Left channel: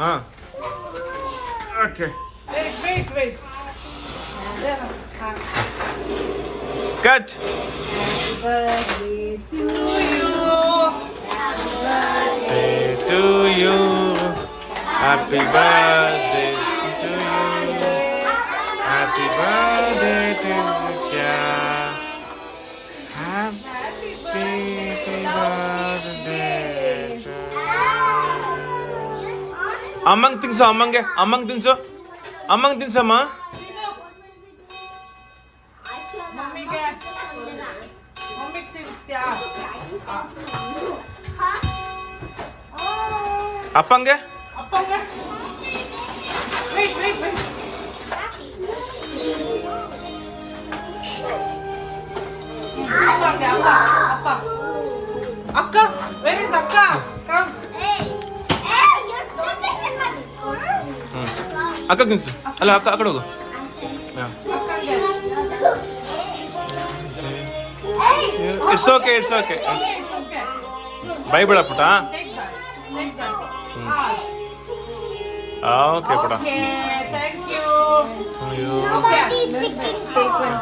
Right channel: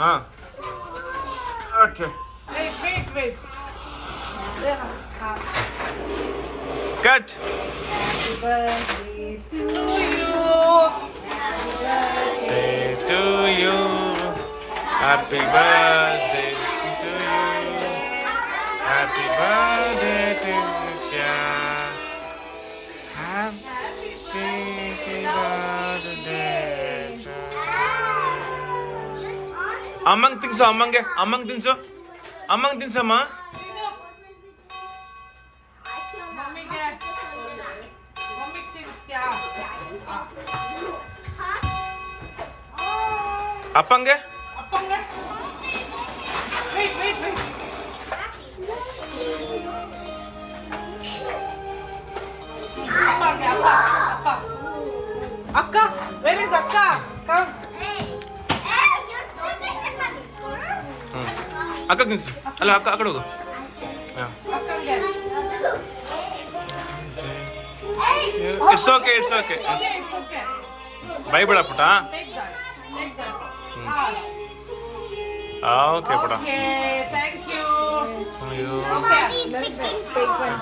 ಹಾಂ okay Wait. Cut. Birthday to you. Happy birthday to you. Happy birthday to you. Happy birthday to you. ಅಮ್ಮಂಗೆ ತಿನ್ಸು ತಿನ್ಸಮ್ಮ. ಮಮ್ಮಿಗೆ ತಿನ್ನಿಸ್ತ್ಯಾ? ಅಪ್ಪಂಗೆ ಅಪ್ಪಂಗೆ wait. ಅಪ್ಪಂಗೆ ಅಪ್ಪ. ಅಕ್ಕ, where is ಅಕ್ಕ? Come. ಅಕ್ಕ ತಿನ್ಸು. ಅಲ್ಲ ಅಕ್ಕ ಆ ಕಡೆ ಹೋಗು. ಅಕ್ಕಂಗೆ. It's okay It's okay. ಬೈಬೇಡ ಪುಟ. Take that. ಓಕೆ ಪುಟ. Okay, thank you. ಅಯ್ಯೋ Okay, take one.